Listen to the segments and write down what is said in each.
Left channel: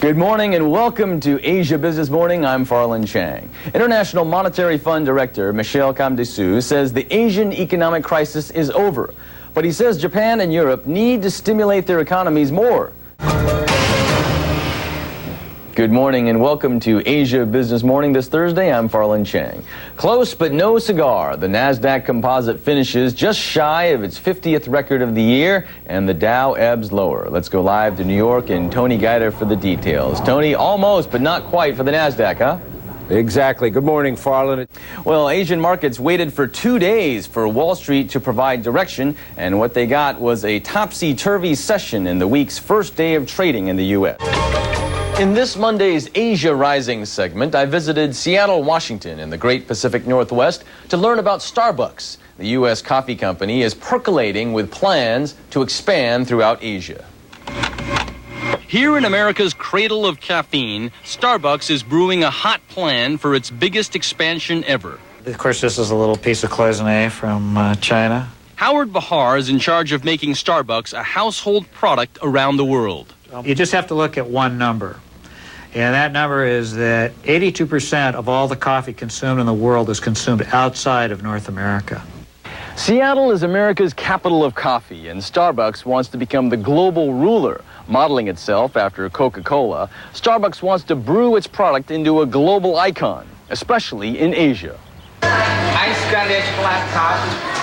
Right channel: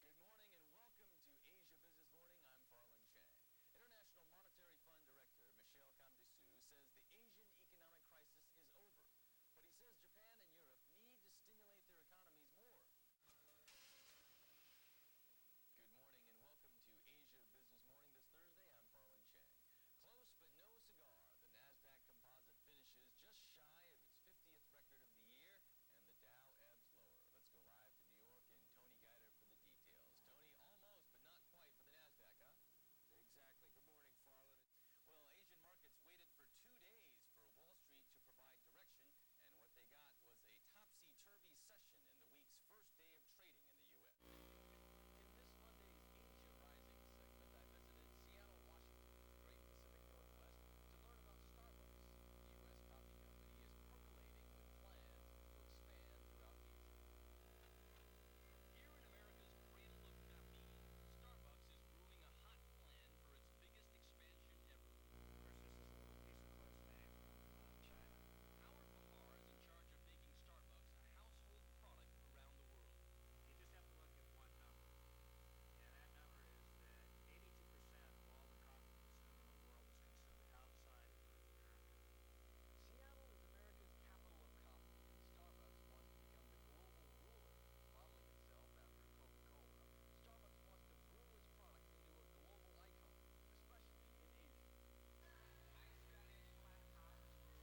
Good morning and welcome to Asia Business Morning. I'm Farland Chang. International Monetary Fund Director Michel Camdessus says the Asian economic crisis is over. But he says Japan and Europe need to stimulate their economies more. Good morning and welcome to Asia Business Morning this Thursday. I'm Farland Chang. Close but no cigar. The NASDAQ Composite finishes just shy of its 50th record of the year, and the Dow ebbs lower. Let's go live to New York and Tony Guida for the details. Tony, almost but not quite for the NASDAQ, huh? Exactly. Good morning, Farland. Well, Asian markets waited for 2 days for Wall Street to provide direction, and what they got was a topsy-turvy session in the week's first day of trading in the U.S. In this Monday's Asia Rising segment, I visited Seattle, Washington in the Great Pacific Northwest to learn about Starbucks. The U.S. coffee company is percolating with plans to expand throughout Asia. Here in America's cradle of caffeine, Starbucks is brewing a hot plan for its biggest expansion ever. Of course, this is a little piece of cloisonne from China. Howard Bahar is in charge of making Starbucks a household product around the world. You just have to look at one number, and that number is that 82% of all the coffee consumed in the world is consumed outside of North America. Seattle is America's capital of coffee, and Starbucks wants to become the global ruler. Modeling itself after Coca-Cola, Starbucks wants to brew its product into a global icon, especially in Asia.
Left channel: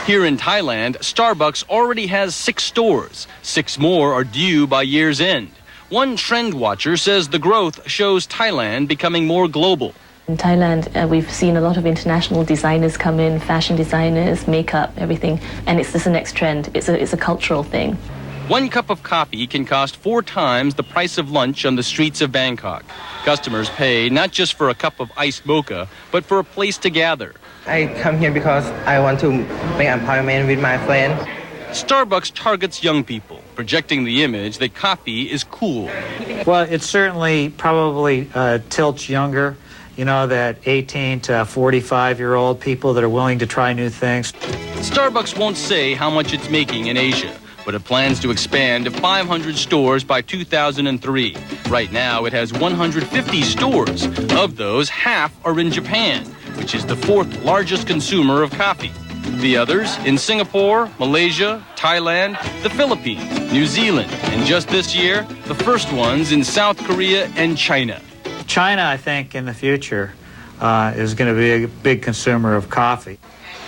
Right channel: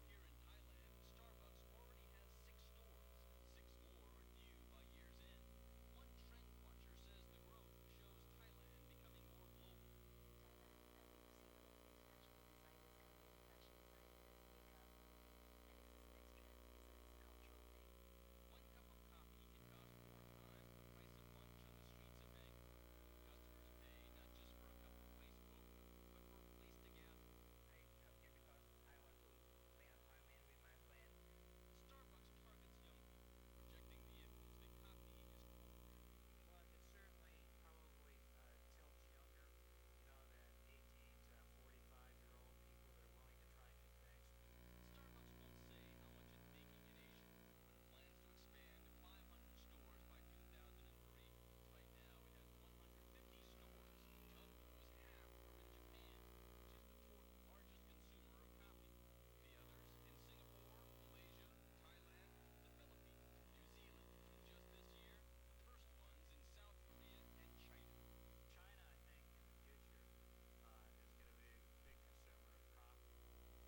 Here in Thailand, Starbucks already has 6 stores. 6 more are due by year's end. One trend watcher says the growth shows Thailand becoming more global. In Thailand, we've seen a lot of international designers come in, fashion designers, makeup, everything, and it's just the next trend. It's a cultural thing. 1 cup of coffee can cost 4 times the price of lunch on the streets of Bangkok. Customers pay not just for a cup of iced mocha, but for a place to gather. I come here because I want to make an appointment with my friend. Starbucks targets young people, projecting the image that coffee is cool. Well, it certainly probably tilts younger, you know, that 18 to 45-year-old people that are willing to try new things. Starbucks won't say how much it's making in Asia, but it plans to expand to 500 stores by 2003. Right now, it has 150 stores. Of those, half are in Japan, which is the 4th largest consumer of coffee. The others in Singapore, Malaysia, Thailand, the Philippines, New Zealand, and just this year, the first ones in South Korea and China. China, I think, in the future is going to be a big consumer of coffee.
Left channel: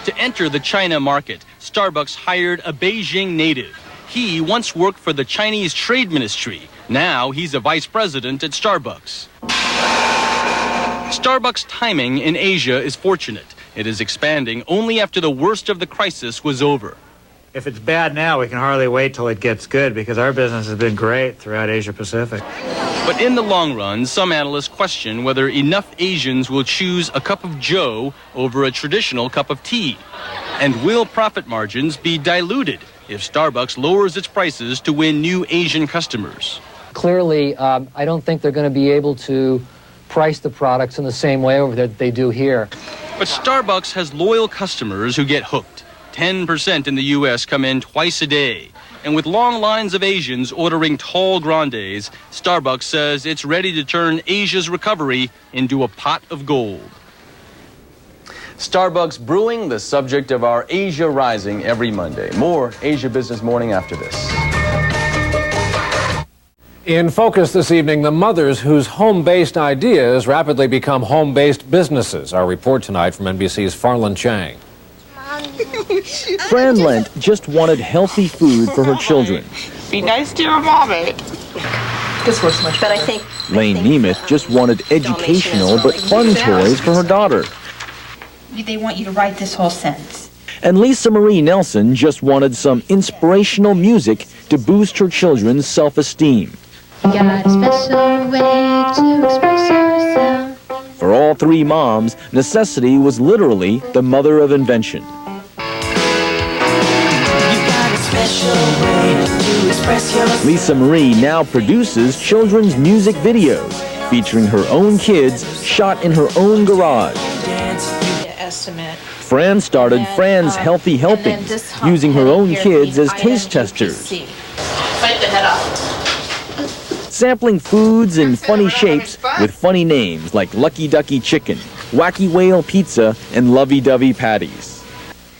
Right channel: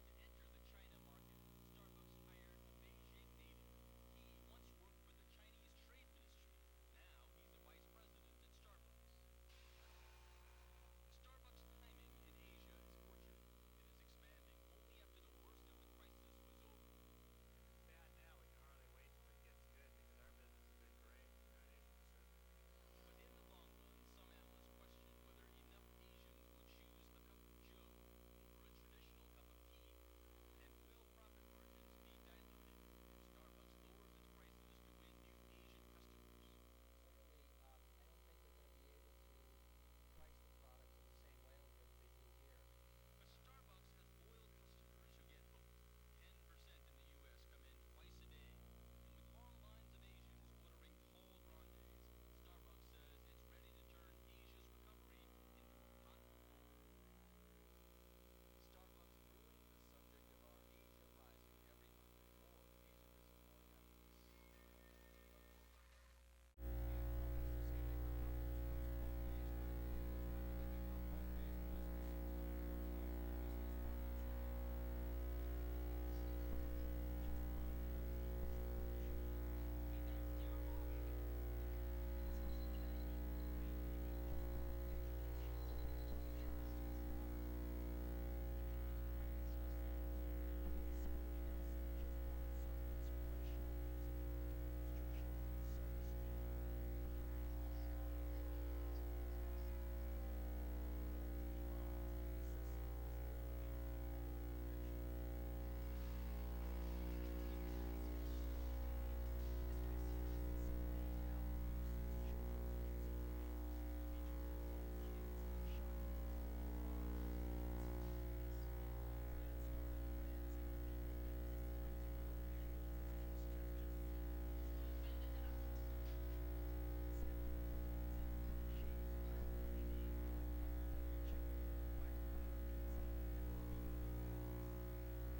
To enter the China market, Starbucks hired a Beijing native. He once worked for the Chinese Trade Ministry. Now he's a vice president at Starbucks. Starbucks' timing in Asia is fortunate. It is expanding only after the worst of the crisis was over. If it's bad now, we can hardly wait till it gets good, because our business has been great throughout Asia Pacific. But in the long run, some analysts question whether enough Asians will choose a cup of joe over a traditional cup of tea. And will profit margins be diluted if Starbucks lowers its prices to win new Asian customers? Clearly, I don't think they're going to be able to price the products in the same way over there that they do here. But Starbucks has loyal customers who get hooked. 10% in the U.S. come in twice a day. And with long lines of Asians ordering tall grandes, Starbucks says it's ready to turn Asia's recovery into a pot of gold. Starbucks brewing, the subject of our Asia Rising every Monday. More Asia Business Morning after this. In focus this evening, the mothers whose home-based ideas rapidly become home-based businesses. Our report tonight from NBC's Farland Chang. Fran Lent just wanted healthy food for her children. Be nice to your mommy. This works much better. But I think Lane Nemeth just wanted educational but fun toys for her daughter. They want you to write this whole sentence. And Lisa Marie Nelson just wanted some inspirational music to boost her children's self-esteem. Got a special way to express yourself. For all 3 moms, necessity was literally the mother of invention. Lisa Marie now produces children's music videos featuring her own kids shot in her own garage. Fran started Fran's Healthy Helpings, using her own kids as taste testers. Fight the head off. sampling foods in funny shapes with funny names like Lucky Ducky Chicken, Wacky Whale Pizza, and Lovey Dovey Patties.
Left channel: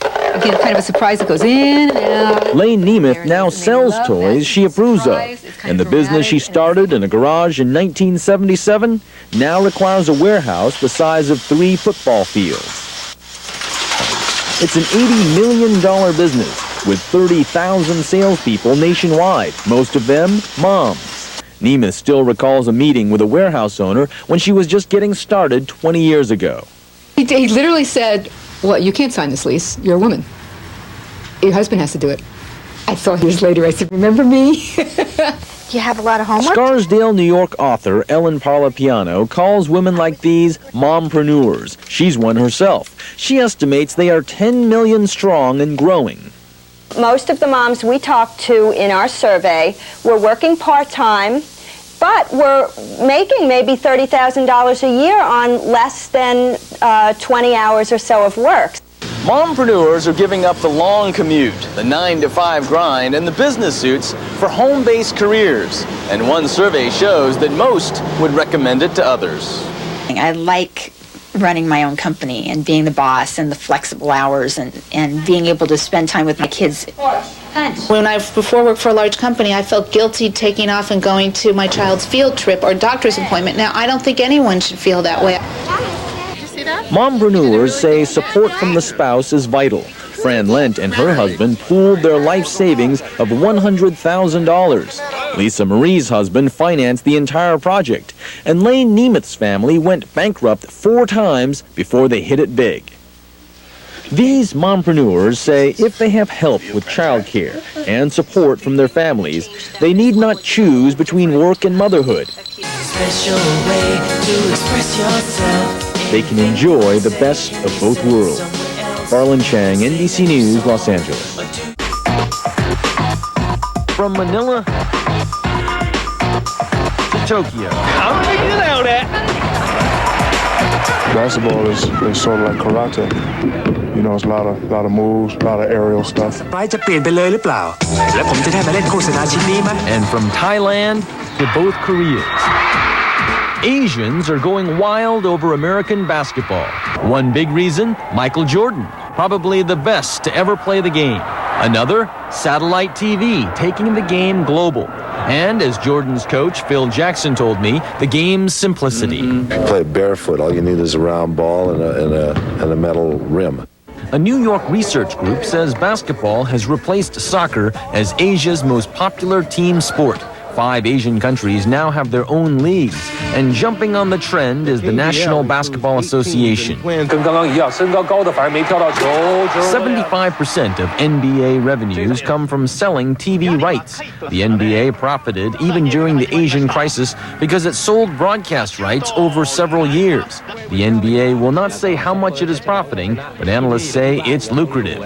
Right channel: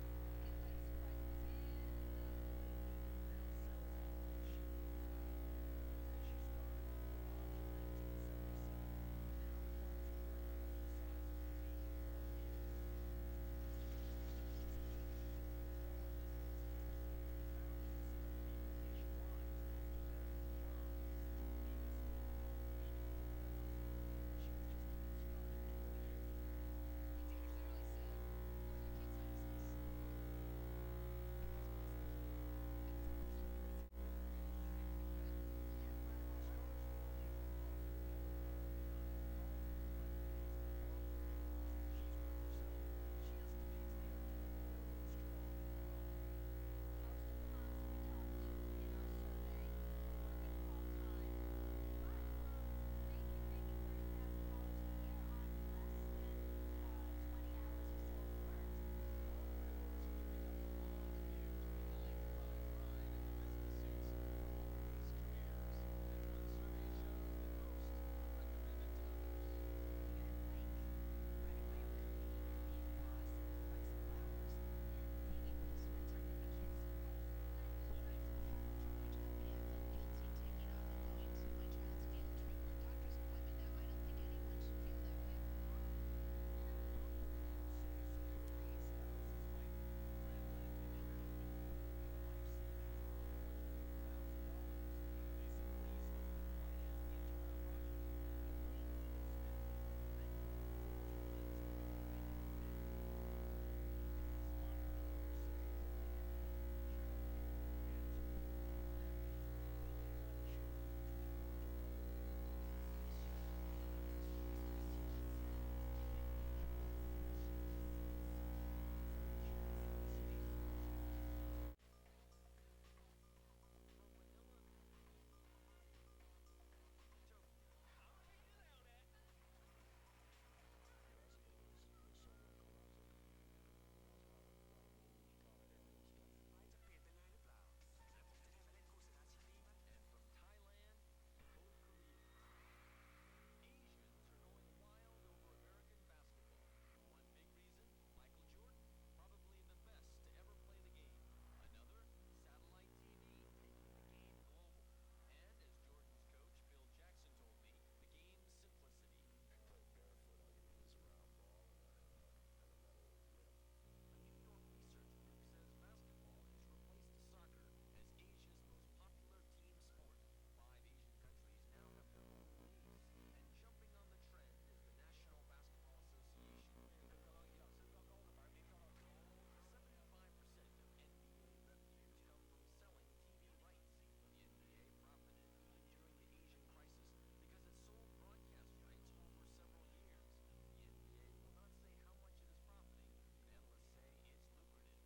Again, kind of a surprise that goes in and out. Lane Nemeth now sells toys she approves of, and the business she started in a garage in 1977 now requires a warehouse the size of 3 football fields. It's an $80 million business with 30,000 salespeople nationwide, most of them moms. Nemeth still recalls a meeting with a warehouse owner when she was just getting started 20 years ago. He literally said, well, you can't sign this lease. You're a woman. Your husband has to do it. I thought years later, I said, remember me? You have a lot of homework? Scarsdale, New York author Ellen Parlapiano calls women like these mompreneurs. She's one herself. She estimates they are 10 million strong and growing. Most of the moms we talked to in our survey were working part-time, but were making maybe $30,000 a year on less than 20 hours or so of work. Mompreneurs are giving up the long commute, the 9-to-5 grind, and the business suits for home-based careers. And one survey shows that most would recommend it to others. I like running my own company and being the boss and the flexible hours and being able to spend time with my kids. When I before worked for a large company, I felt guilty taking off and going to my child's field trip or doctor's appointment. Now, I don't think anyone should feel that way. Mompreneurs say support from the spouse is vital. Fran Lent and her husband pooled their life savings of $100,000. Lisa Marie's husband financed the entire project, and Lane Nemeth's family went bankrupt 4 times before they hit it big. These mompreneurs say if they have help with childcare and support from their families, they need not choose between work and motherhood. They can enjoy the best of both worlds. Farland Chang, NBC News, Los Angeles. From Manila to Tokyo. I'm figuring it out, Basketball is sort of like karate. You know, it's a lot of moves, a lot of aerial stuff. And from Thailand to both Koreas. Asians are going wild over American basketball. One big reason, Michael Jordan, probably the best to ever play the game. Another, satellite TV, taking the game global. And as Jordan's coach, Phil Jackson, told me, the game's simplicity. Play barefoot. All you need is a round ball and a metal rim. A New York research group says basketball has replaced soccer as Asia's most popular team sport. 5 Asian countries now have their own leagues, and jumping on the trend is the National Basketball Association. 75% of NBA revenues come from selling TV rights. The NBA profited even during the Asian crisis because it sold broadcast rights over several years. The NBA will not say how much it is profiting, but analysts say it's lucrative.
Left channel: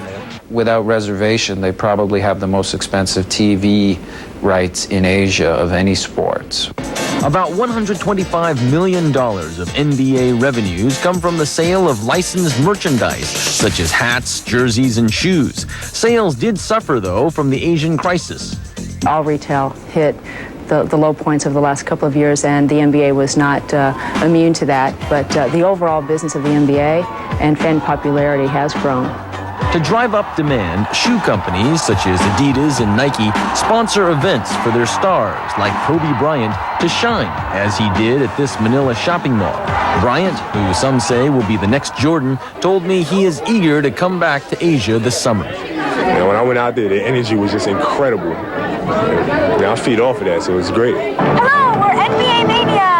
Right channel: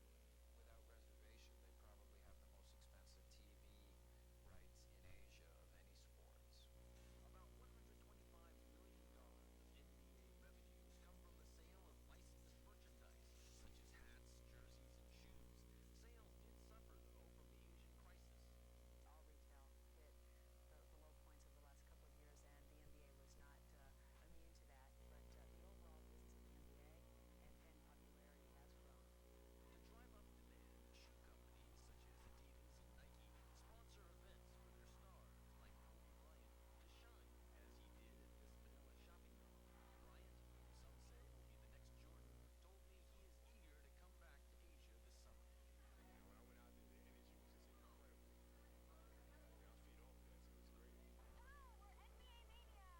Without reservation, they probably have the most expensive TV rights in Asia of any sport. About $125 million of NBA revenues come from the sale of licensed merchandise, such as hats, jerseys, and shoes. Sales did suffer, though, from the Asian crisis. All retail hit the low points of the last couple of years, and the NBA was not immune to that. But the overall business of the NBA and fan popularity has grown. To drive up demand, shoe companies such as Adidas and Nike sponsor events for their stars, like Kobe Bryant, to shine, as he did at this Manila shopping mall. Bryant, who some say will be the next Jordan, told me he is eager to come back to Asia this summer. And when I went out there, the energy was just incredible. And I feed off of that, so it's great. Hello, we're NBA Mania!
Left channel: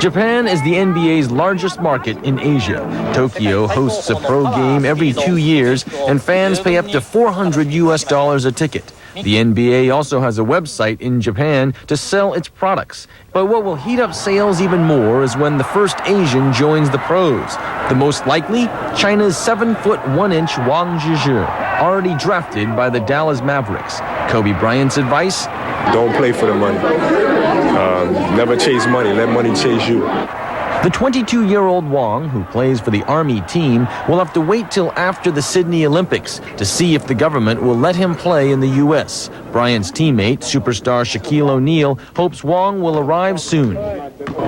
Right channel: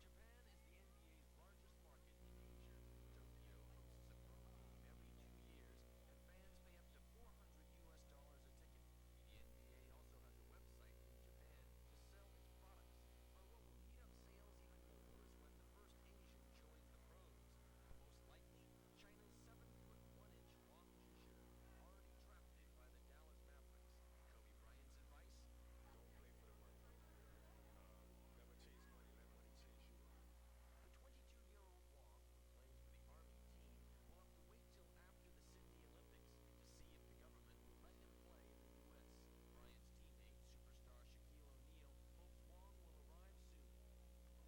Japan is the NBA's largest market in Asia. Tokyo hosts a pro game every 2 years, and fans pay up to $400 a ticket. The NBA also has a website in Japan to sell its products. But what will heat up sales even more is when the first Asian joins the pros. The most likely, China's 7'1" Wang Zhizhi, already drafted by the Dallas Mavericks. Kobe Bryant's advice? Don't play for the money. Never chase money. Let money chase you. The 22-year-old Wong, who plays for the Army team, will have to wait till after the Sydney Olympics to see if the government will let him play in the U.S. Bryant's teammate, superstar Shaquille O'Neal, hopes Wong will arrive soon.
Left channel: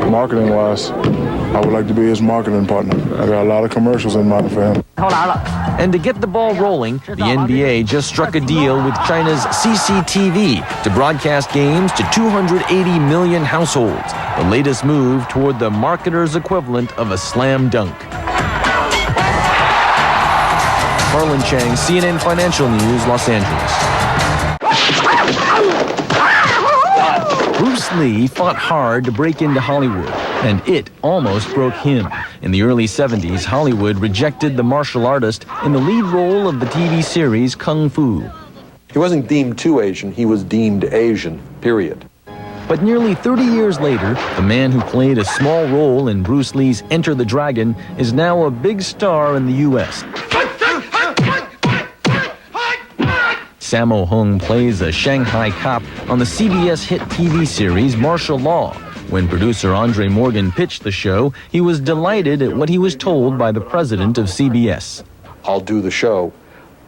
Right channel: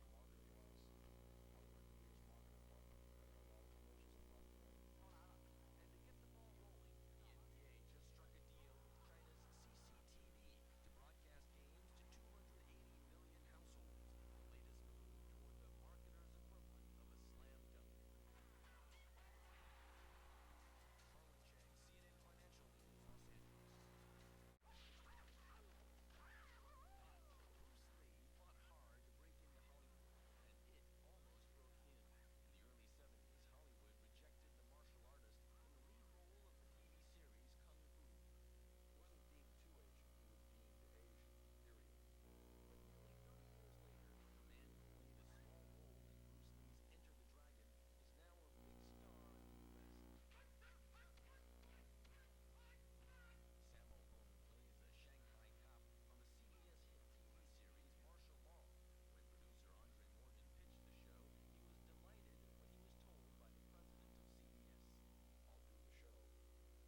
Marketing-wise, I would like to be his marketing partner. I got a lot of commercials in mind for him. And to get the ball rolling, the NBA just struck a deal with China's CCTV to broadcast games to 280 million households, the latest move toward the marketer's equivalent of a slam dunk. Farland Chang, CNN Financial News, Los Angeles. Bruce Lee fought hard to break into Hollywood, and it almost broke him. In the early 70s, Hollywood rejected the martial artist in the lead role of the TV series Kung Fu. He wasn't deemed too Asian, he was deemed Asian, period. But nearly 30 years later, the man who played a small role in Bruce Lee's Enter the Dragon is now a big star in the U.S. Sammo Hung plays a Shanghai cop on the CBS hit TV series Martial Law. When producer Andre Morgan pitched the show, he was delighted at what he was told by the president of CBS. I'll do the show,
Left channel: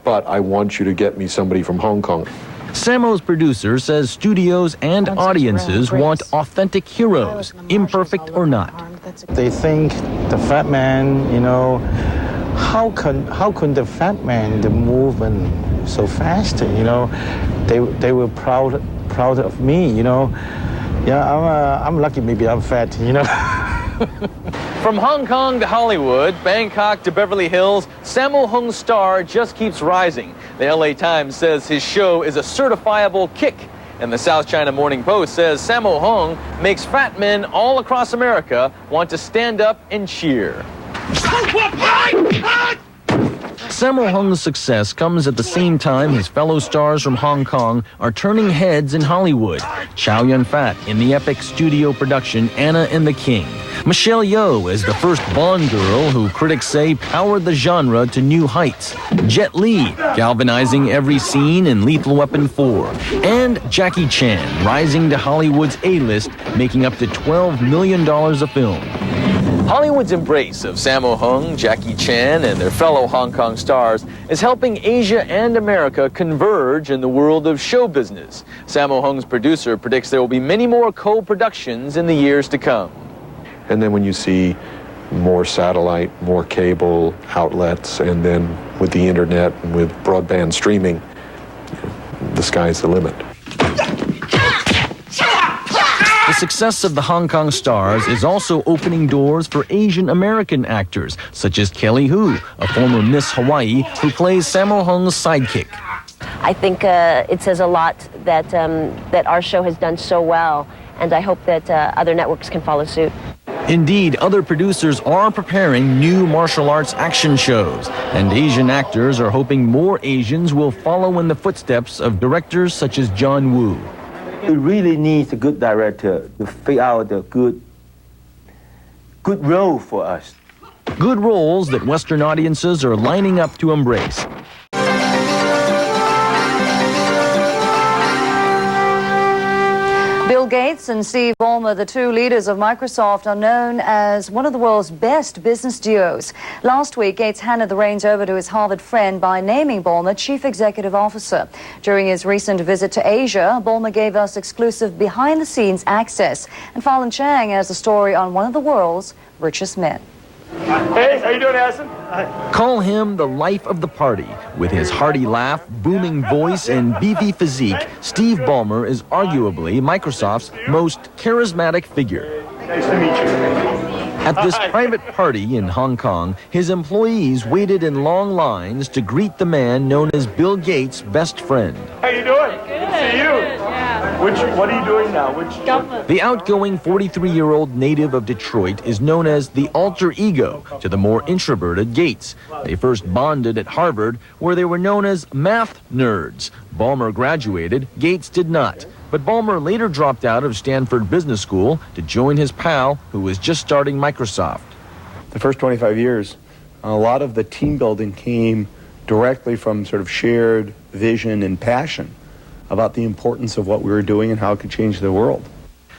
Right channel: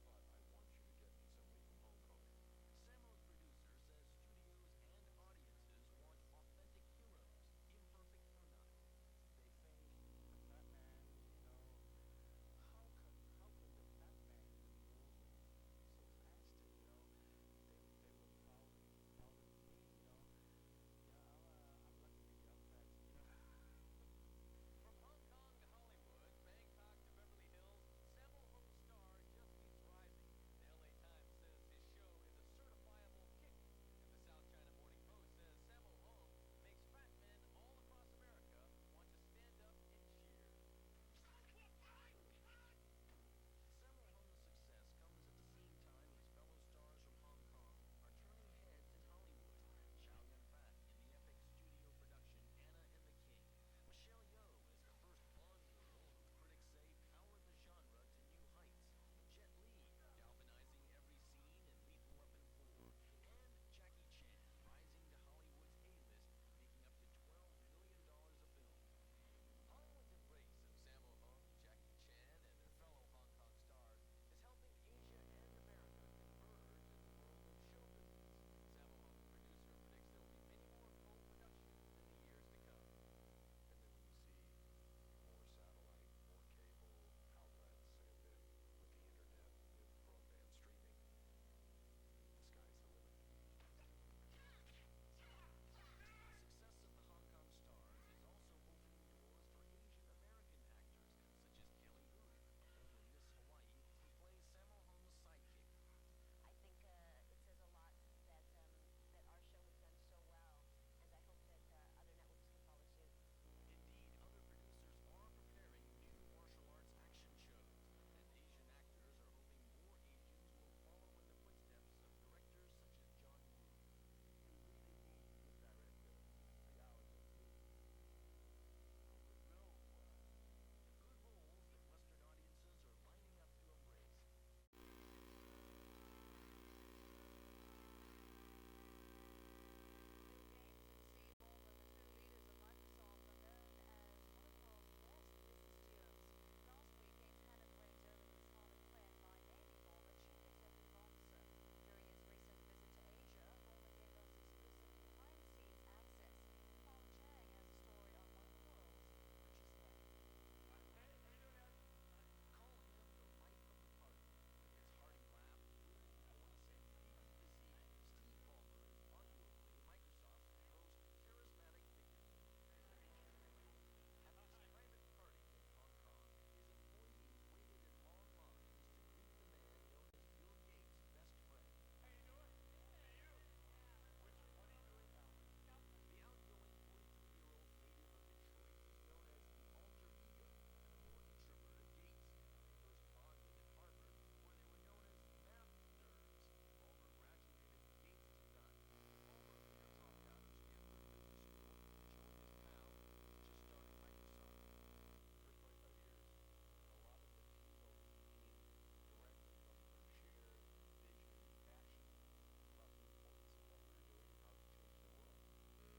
but I want you to get me somebody from Hong Kong. Sammo's producer says studios and audiences want authentic heroes, imperfect or not. They think the fat man, you know, how can the fat man move and so fast? You know, they were proud of me. You know, yeah, I'm lucky. Maybe I'm fat. You know. From Hong Kong to Hollywood, Bangkok to Beverly Hills, Sammo Hung's star just keeps rising. The LA Times says his show is a certifiable kick. And the South China Morning Post says Sammo Hung makes fat men all across America want to stand up and cheer. Sammo Hung's success comes at the same time his fellow stars from Hong Kong are turning heads in Hollywood. Chow Yun-fat in the epic studio production Anna and the King. Michelle Yeoh as the first Bond girl who critics say powered the genre to new heights. Jet Li galvanizing every scene in Lethal Weapon 4. And Jackie Chan rising to Hollywood's A-list, making up to $12 million a film. Hollywood's embrace of Sammo Hung, Jackie Chan, and their fellow Hong Kong stars is helping Asia and America converge in the world of show business. Sammo Hung's producer predicts there will be many more co-productions in the years to come. And then when you see more satellite, more cable outlets, and then with the internet and with broadband streaming, the sky's the limit. The success of the Hong Kong stars is also opening doors for Asian American actors, such as Kelly Hu, a former Miss Hawaii who plays Sammo Hung's sidekick. I think it says a lot that, that our show has done so well, and I hope that other networks can follow suit. Indeed, other producers are preparing new martial arts action shows, and Asian actors are hoping more Asians will follow in the footsteps of directors such as John Woo. It really needs a good director to figure out the good role for us. Good roles that Western audiences are lining up to embrace. Bill Gates and Steve Ballmer, the two leaders of Microsoft, are known as one of the world's best business duos. Last week, Gates handed the reins over to his Harvard friend by naming Ballmer Chief Executive Officer. During his recent visit to Asia, Ballmer gave us exclusive behind-the-scenes access. And Farland Chang has the story on one of the world's richest men. Hey, how you doing, Addison? Call him the life of the party. With his hearty laugh, booming voice, and beefy physique, Steve Ballmer is arguably Microsoft's most charismatic figure. Nice to meet you. At this private party in Hong Kong, his employees waited in long lines to greet the man known as Bill Gates' best friend. How you doing? Good to see you. What are you doing now? The outgoing 43-year-old native of Detroit is known as the alter ego to the more introverted Gates. They first bonded at Harvard, where they were known as math nerds. Ballmer graduated, Gates did not. But Ballmer later dropped out of Stanford Business School to join his pal, who was just starting Microsoft. The first 25 years, a lot of the team building came directly from sort of shared vision and passion about the importance of what we were doing and how it could change the world.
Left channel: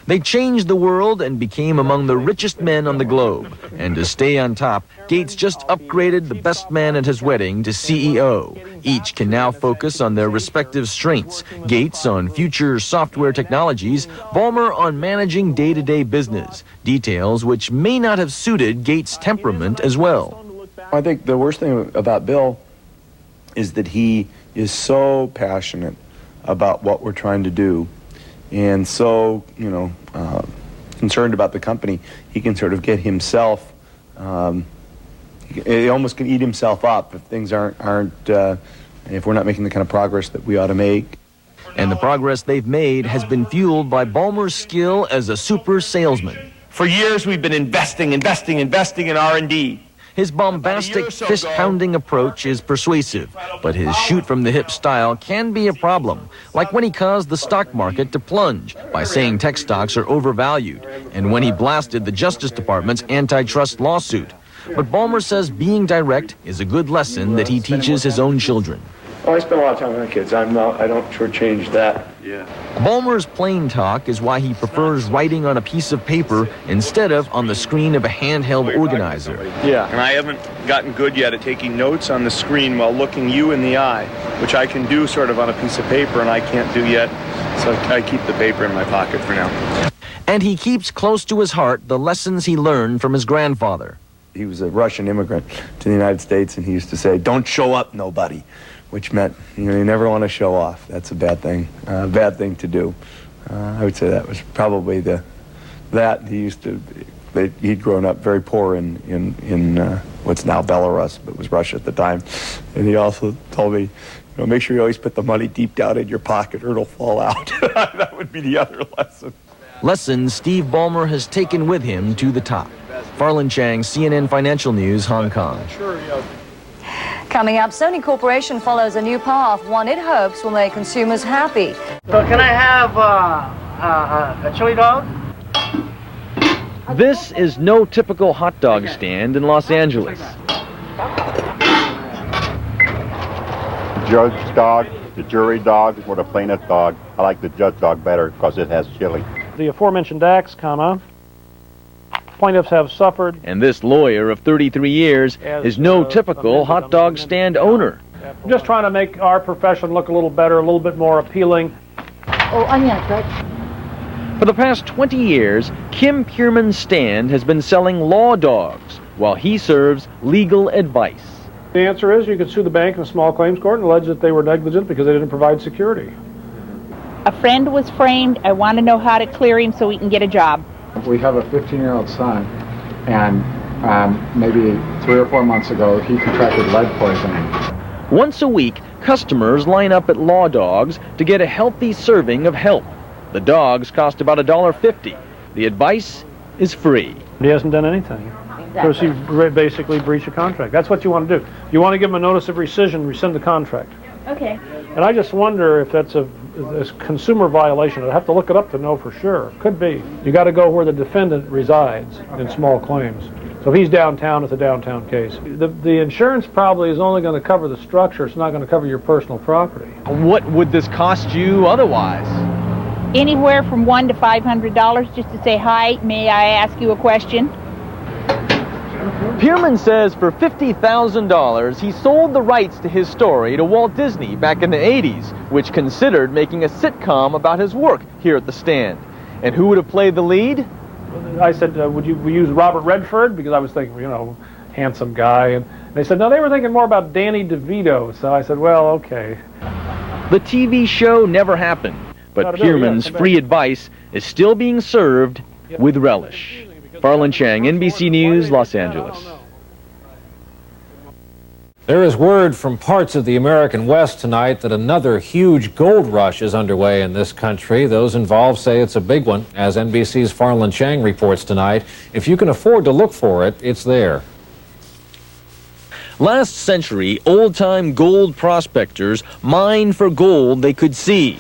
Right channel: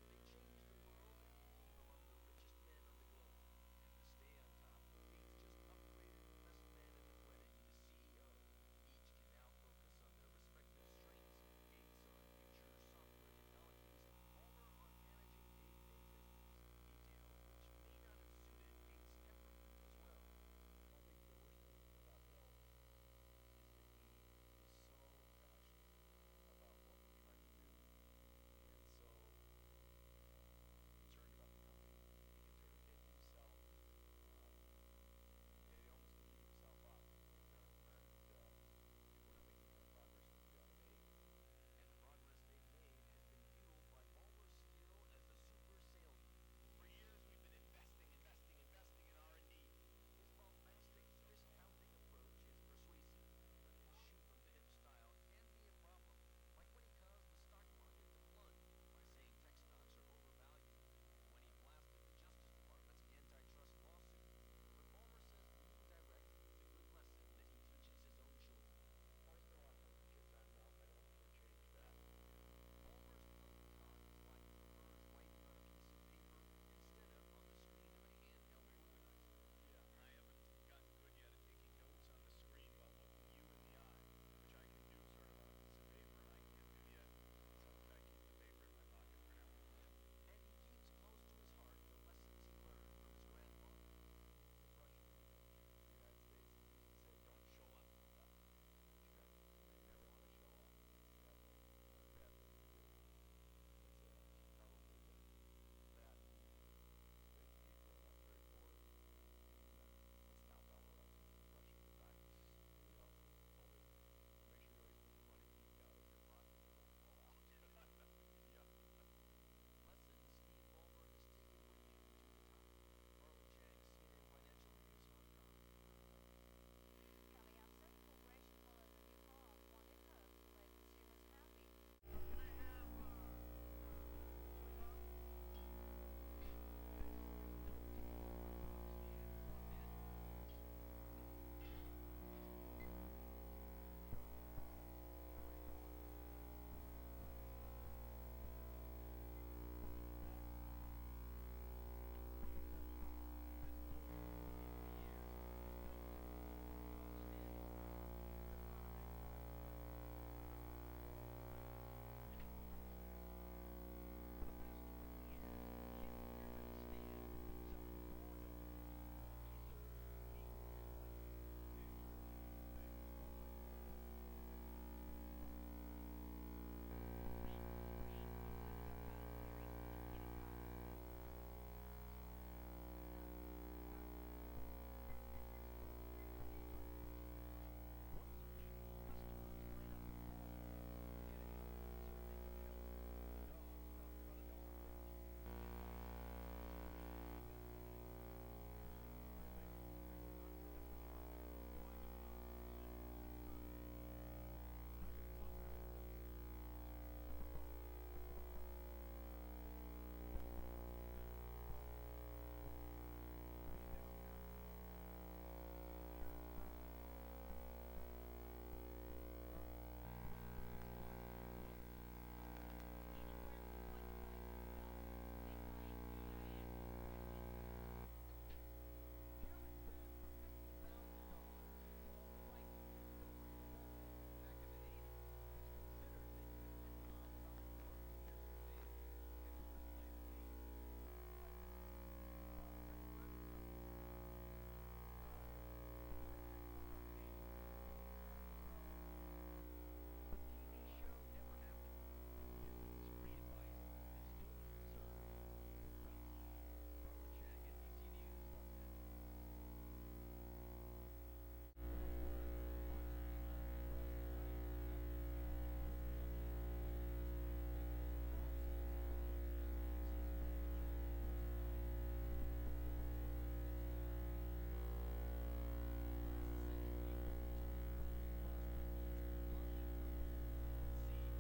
They changed the world and became among the richest men on the globe. And to stay on top, Gates just upgraded the best man at his wedding to CEO. Each can now focus on their respective strengths. Gates on future software technologies, Ballmer on managing day-to-day business, details which may not have suited Gates' temperament as well. I think the worst thing about Bill is that he is so passionate about what we're trying to do and so, concerned about the company, he can sort of get himself, he almost can eat himself up if things if we're not making the kind of progress that we ought to make. And the progress they've made has been fueled by Ballmer's skill as a super salesman. For years, we've been investing in R&D. His bombastic, fist-pounding approach is persuasive, but his shoot-from-the-hip style can be a problem, like when he caused the stock market to plunge by saying tech stocks are overvalued, and when he blasted the Justice Department's antitrust lawsuit. But Ballmer says being direct is a good lesson that he teaches his own children. Oh, I spend a lot of time with my kids. I don't shortchange that. Yeah. Ballmer's plain talk is why he prefers writing on a piece of paper instead of on the screen of a handheld organizer. Yeah, and I haven't gotten good yet at taking notes on the screen while looking you in the eye, which I can do sort of on a piece of paper and I can't do yet, so I keep the paper in my pocket for now. And he keeps close to his heart the lessons he learned from his grandfather. He was a Russian immigrant to the United States, and he used to say, "Don't show up, nobody," which meant, you never want to show off. That's a bad thing to do. I would say that was probably he'd grown up very poor in what's now Belarus, but was Russia at the time. And he also told me, make sure you always put the money deep down in your pocket or it'll fall out. That would be the other lesson. Lessons Steve Ballmer has taken with him to the top. Farland Chang, CNN Financial News, Hong Kong. Coming up, Sony Corporation follows a new path, one it hopes will make consumers happy. So can I have a chili dog? This is no typical hot dog stand in Los Angeles. The judge dog, the jury dog, or the plaintiff dog. I like the judge dog better because it has chili. The aforementioned acts, plaintiffs have suffered. And this lawyer of 33 years is no typical hot dog stand owner. I'm just trying to make our profession look a little better, a little bit more appealing. Oh, onion, right? For the past 20 years, Kim Pierman's stand has been selling law dogs while he serves legal advice. The answer is you could sue the bank in a small claims court and allege that they were negligent because they didn't provide security. A friend was framed. I want to know how to clear him so he can get a job. We have a 15-year-old son, and maybe 3 or 4 months ago, he contracted lead poisoning. Once a week, customers line up at Law Dogs to get a healthy serving of help. The dogs cost about $1.50. The advice is free. He hasn't done anything. Because he basically breached a contract. That's what you want to do. You want to give him a notice of rescind the contract. Okay. And I just wonder if that's a consumer violation. I'd have to look it up to know for sure. Could be. You got to go where the defendant resides in small claims. So if he's downtown, it's a downtown case. The insurance probably is only going to cover the structure. It's not going to cover your personal property. What would this cost you otherwise? Anywhere from $100 to $500 just to say, hi, may I ask you a question? Pierman says for $50,000, he sold the rights to his story to Walt Disney back in the 80s, which considered making a sitcom about his work here at the stand. And who would have played the lead? I said, would you use Robert Redford? Because I was thinking, handsome guy. And they said, no, they were thinking more about Danny DeVito. So I said, well, okay. The TV show never happened, but Pierman's free advice is still being served with relish. Farland Chang, NBC News, Los Angeles. There is word from parts of the American West tonight that another huge gold rush is underway in this country. Those involved say it's a big one. As NBC's Farland Chang reports tonight, if you can afford to look for it, it's there. Last century, old-time gold prospectors mined for gold they could see.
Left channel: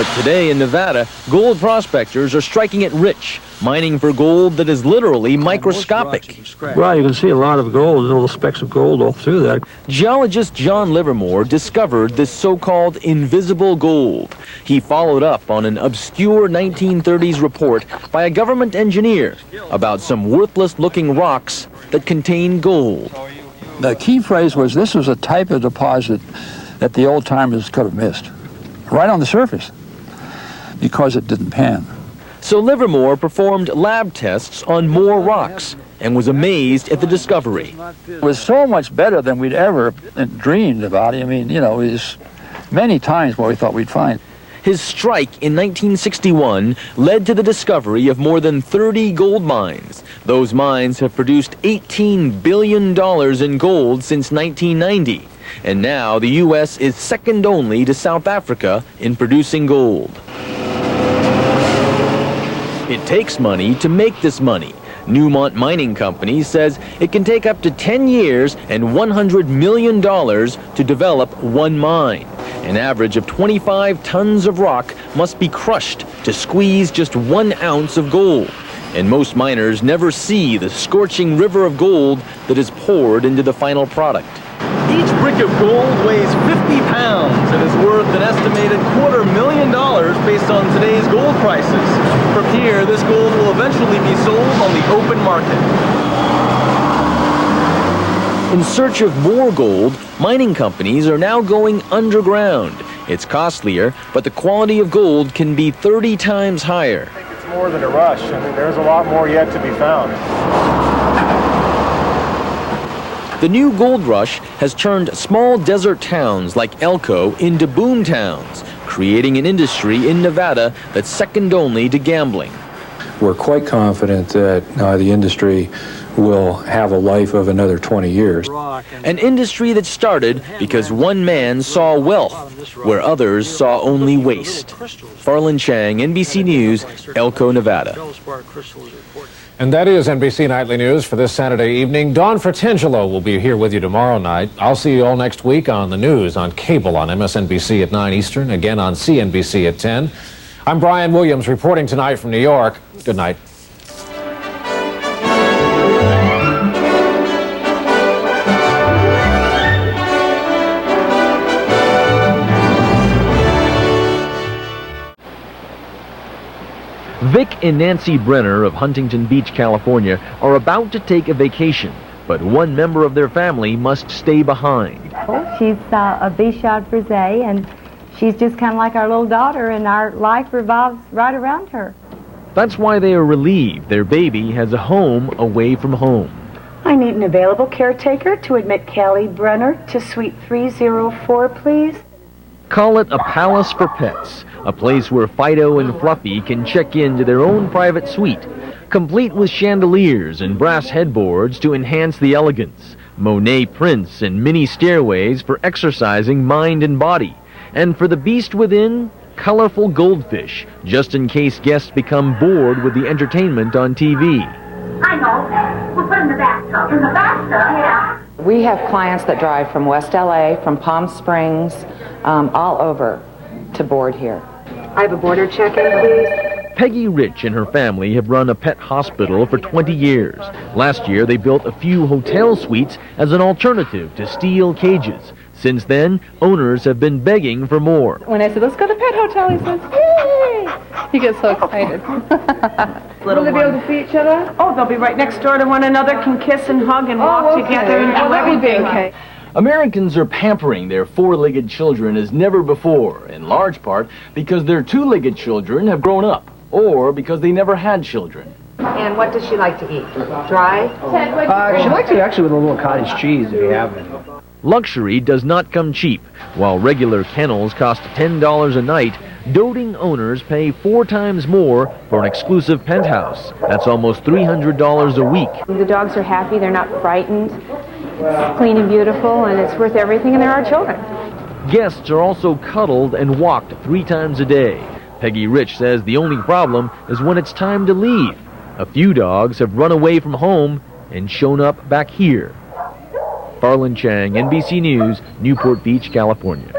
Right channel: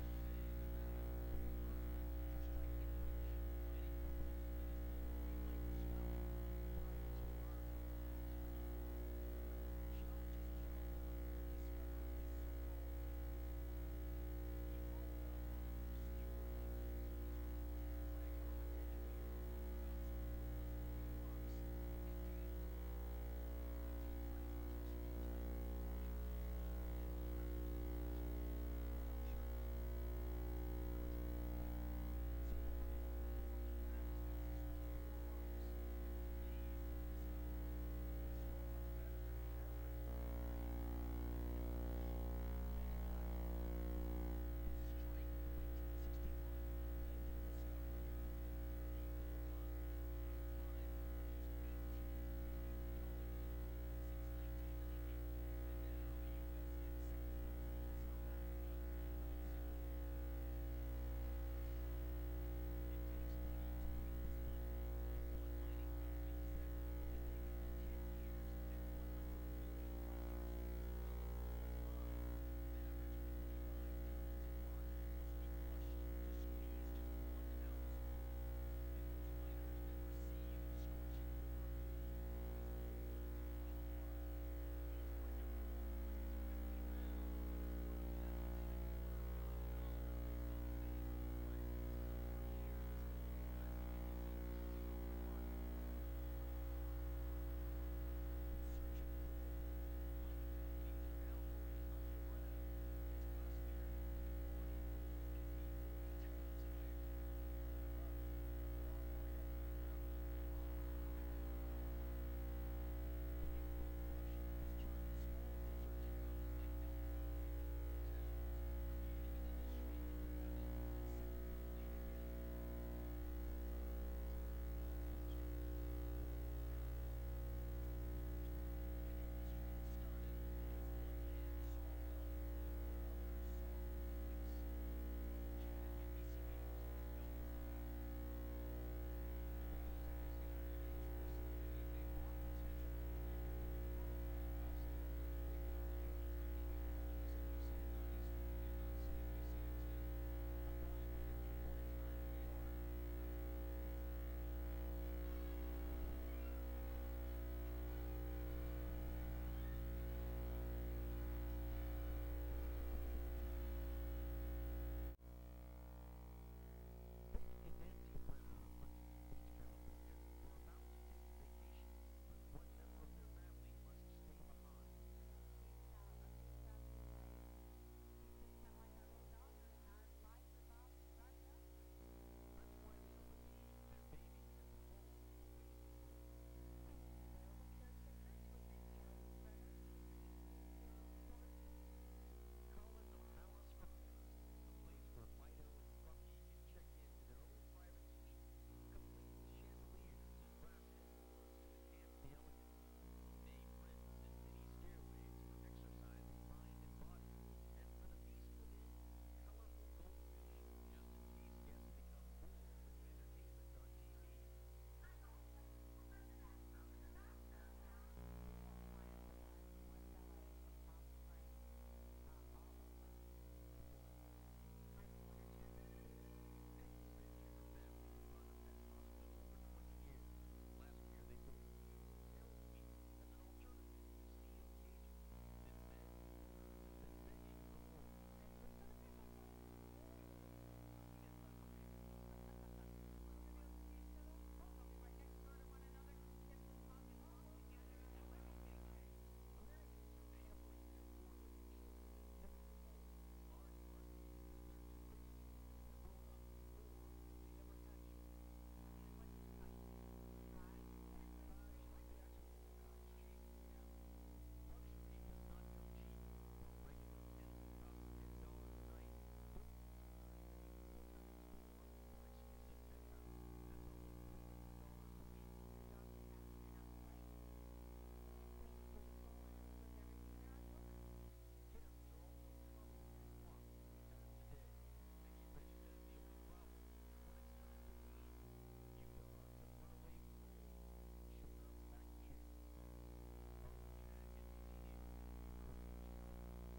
But today in Nevada, gold prospectors are striking it rich, mining for gold that is literally microscopic. Well, you can see a lot of gold, little specks of gold all through that. Geologist John Livermore discovered this so-called invisible gold. He followed up on an obscure 1930s report by a government engineer about some worthless-looking rocks that contain gold. The key phrase was this was a type of deposit that the old-timers could have missed, right on the surface, because it didn't pan. So Livermore performed lab tests on more rocks and was amazed at the discovery. It was so much better than we'd ever dreamed about. I mean, you know, it was many times what we thought we'd find. His strike in 1961 led to the discovery of more than 30 gold mines. Those mines have produced $18 billion in gold since 1990. And now the U.S. is second only to South Africa in producing gold. It takes money to make this money. Newmont Mining Company says it can take up to 10 years and $100 million to develop one mine. An average of 25 tons of rock must be crushed to squeeze just 1 ounce of gold. And most miners never see the scorching river of gold that is poured into the final product. Each brick of gold weighs 50 pounds and is worth an estimated $250,000 based on today's gold prices. From here, this gold will eventually be sold on the open market. In search of more gold, mining companies are now going underground. It's costlier, but the quality of gold can be 30 times higher. I think it's more than a rush. I mean, there's a lot more yet to be found. The new gold rush has turned small desert towns like Elko into boom towns, creating an industry in Nevada that's second only to gambling. We're quite confident that the industry will have a life of another 20 years. An industry that started because one man saw wealth where others saw only waste. Farland Chang, NBC News, Elko, Nevada. And that is NBC Nightly News for this Saturday evening. Don Fratangelo will be here with you tomorrow night. I'll see you all next week on the news, on cable, on MSNBC at 9 Eastern, again on CNBC at 10. I'm Brian Williams reporting tonight from New York. Good night. Vic and Nancy Brenner of Huntington Beach, California, are about to take a vacation, but one member of their family must stay behind. She's a Bichon Frise, and she's just kind of like our little daughter, and our life revolves right around her. That's why they are relieved their baby has a home away from home. I need an available caretaker to admit Callie Brenner to Suite 304, please. Call it a palace for pets, a place where Fido and Fluffy can check into their own private suite, complete with chandeliers and brass headboards to enhance the elegance, Monet prints and mini stairways for exercising mind and body, and for the beast within, colorful goldfish, just in case guests become bored with the entertainment on TV. I know. We'll put in the bathtub. In the bathtub? Yeah. We have clients that drive from West LA, from Palm Springs, all over to board here. I have a border check-in, please. Peggy Rich and her family have run a pet hospital for 20 years. Last year, they built a few hotel suites as an alternative to steel cages. Since then, owners have been begging for more. When I said, let's go to Pet Hotel, he says, yay! He gets so excited. Will they be able to see each other? Oh, they'll be right next door to one another, can kiss and hug and walk together. And let me be okay. Americans are pampering their four-legged children as never before, in large part because their two-legged children have grown up, or because they never had children. And what does she like to eat? Dry? She likes it actually with a little cottage cheese if you have it. Luxury does not come cheap. While regular kennels cost $10 a night, doting owners pay 4 times more for an exclusive penthouse. That's almost $300 a week. The dogs are happy, they're not frightened. It's clean and beautiful, and it's worth everything, and there are children. Guests are also cuddled and walked 3 times a day. Peggy Rich says the only problem is when it's time to leave. A few dogs have run away from home and shown up back here. Farland Chang, NBC News, Newport Beach, California.